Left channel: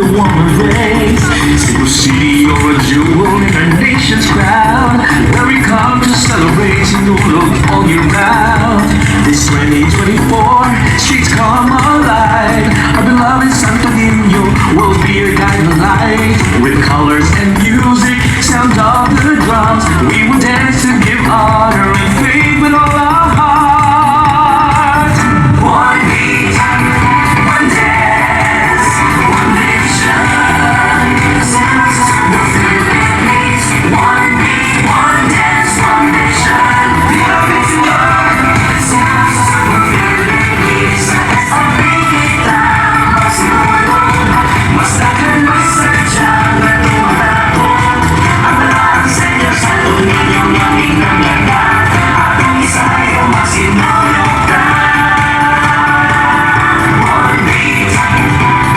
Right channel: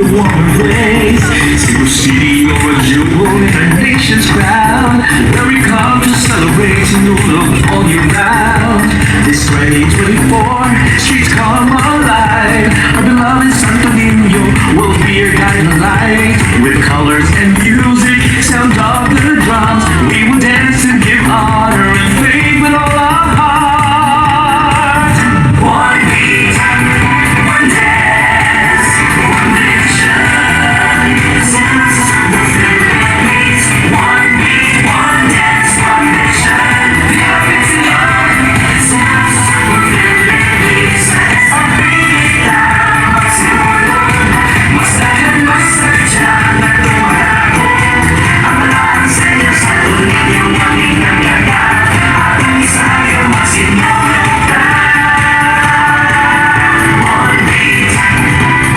the warmer rays. Sugbo City, you're a jewel in our nation's crown, where we come to celebrate Sinulog all year round. This 2024, streets come alive. Our beloved Santo Niño will be your guiding light. With colors and music, sound of the drums, we will dance and give honor and faith with all our heart. One beat, one dance, one mission. Sugbo Philippines. One beat, one dance, one mission. Sugbo Philippines. Ang pinitang magsimulog, masahan, masadya na tumatakbo. Ang maraming sa inyo sa tuloy yung aming naglaga. Atong isayo magsimulog na. One beat,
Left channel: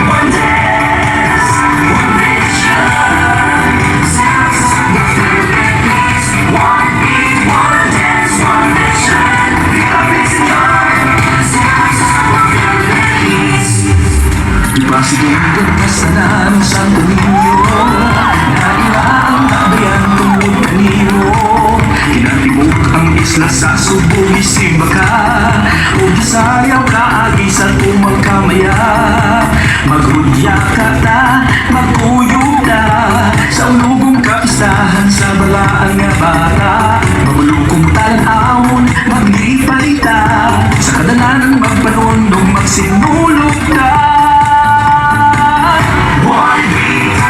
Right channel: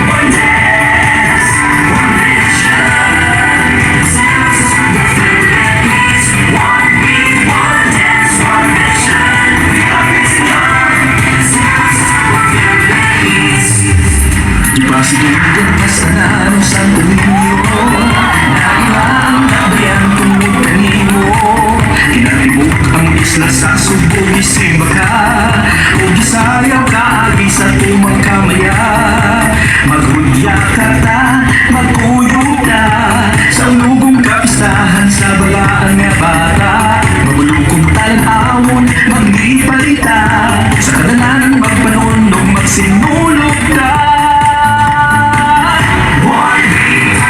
one dance, one mission. Sugbo Philippines. One beat, one dance, one mission. Sugbo Philippines. Ipasigurong kasanan ng Santo Niño na ilang kabayan tungod kanimo. Kinatibok ang isla sa Sugbo, gisimba ka o gisayaw ka agi sa tumang kamaya. Maghudya ka ta, magkuyo ka sa unugong kapistahan sa balaan nga bata. Mabulukong talan-awon, maglipalita sa kadalanan magpanundong magsinulog ka. One beat,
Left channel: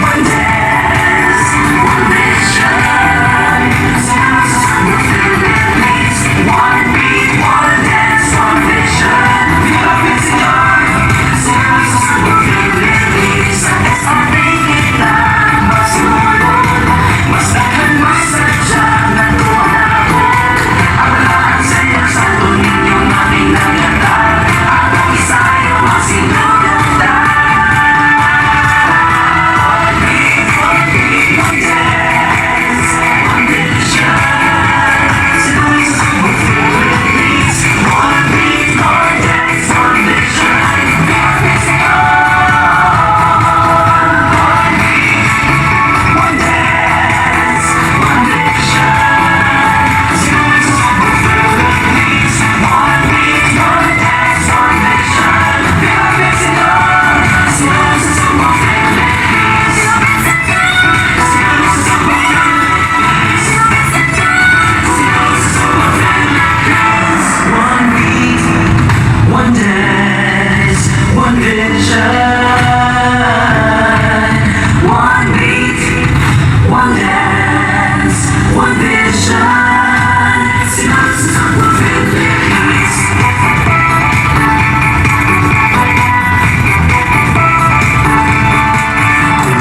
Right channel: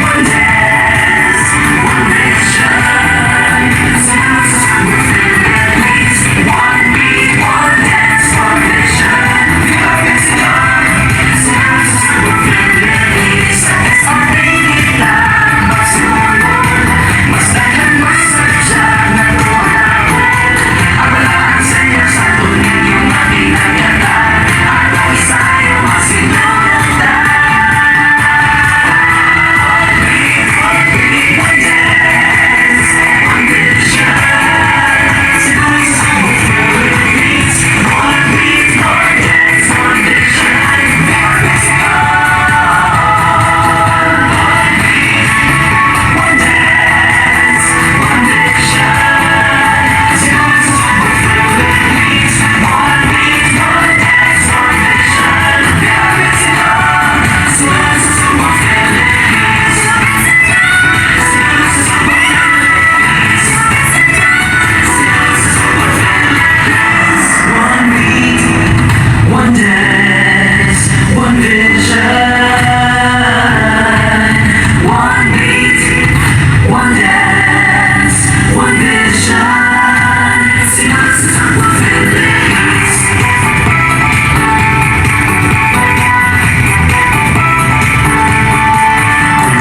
one dance, one mission. Sugbo Philippines. One beat, one dance, one mission. Sugbo Philippines. Ang pinitang magsimulog, masahan, masadya na tumatakbo. Ang malaan sa inyo sa tuloy yung aming naglaga. Atong isayo magsimulog na. One dance, one mission. Sugbo Philippines. One beat, one dance, one mission. One dance, one mission. Sugbo Philippines. One beat, one dance, one mission. Sugbo Philippines. One beat, one dance, one vision. One beat, one dance, one vision. Sugbo Philippines.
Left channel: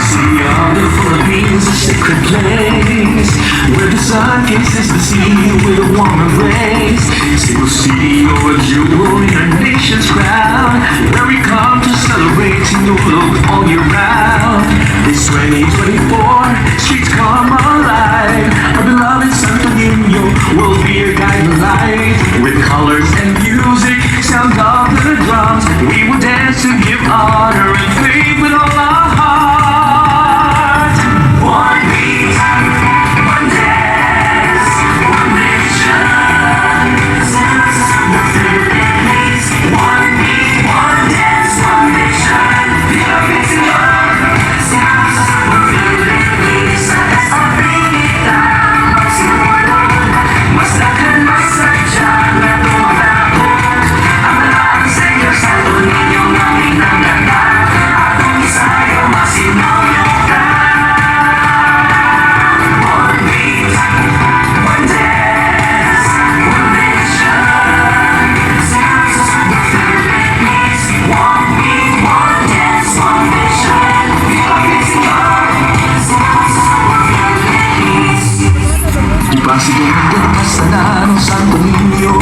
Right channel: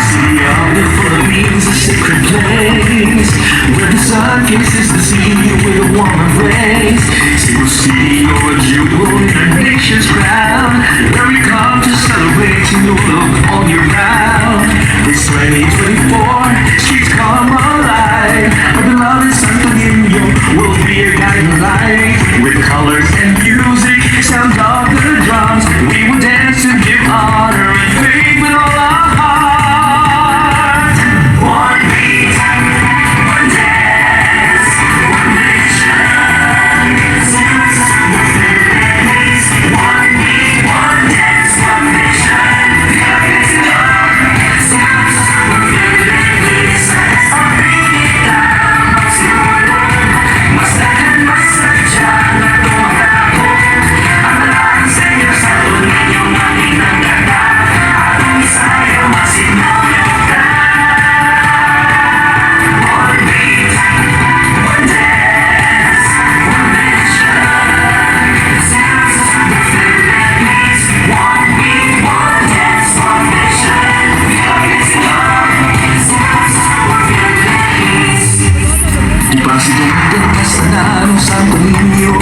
City of the Philippines, a sacred place where the sun kisses the sea with a warmer rays. Sugbo City, you're a jewel in our nation's crown, where we come to celebrate Sinulog all year round. This 2024, streets come alive. Our beloved Santo Niño will be your guiding light. With colors and music, sound of the drums, we will dance and give honor and faith with all our heart. One beat, one dance, one mission. Sugbo Philippines. One beat, one dance, one mission. Sugbo Philippines. Ang pinitang magsimulog, masahan, masadya na tumatakbo. Ang malaan sa inyo sa tuloy yung aming naglaga. Atong isayo magsimulog na. One beat, one dance, one mission. Sugbo Philippines. One beat, one dance, one mission. Sugbo Philippines. Ipasigurong kasanan ng Santo Niño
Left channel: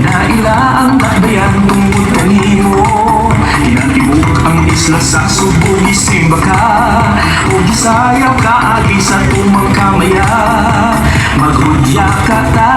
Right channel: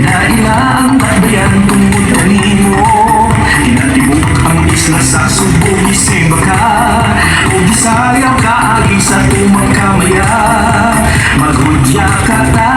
na ilang kabayan tungod kanimo. Kinatibok ang isla sa Sugbo, gisimba ka o gisayaw ka agi sa tumang kamaya. Maghudya ka ta,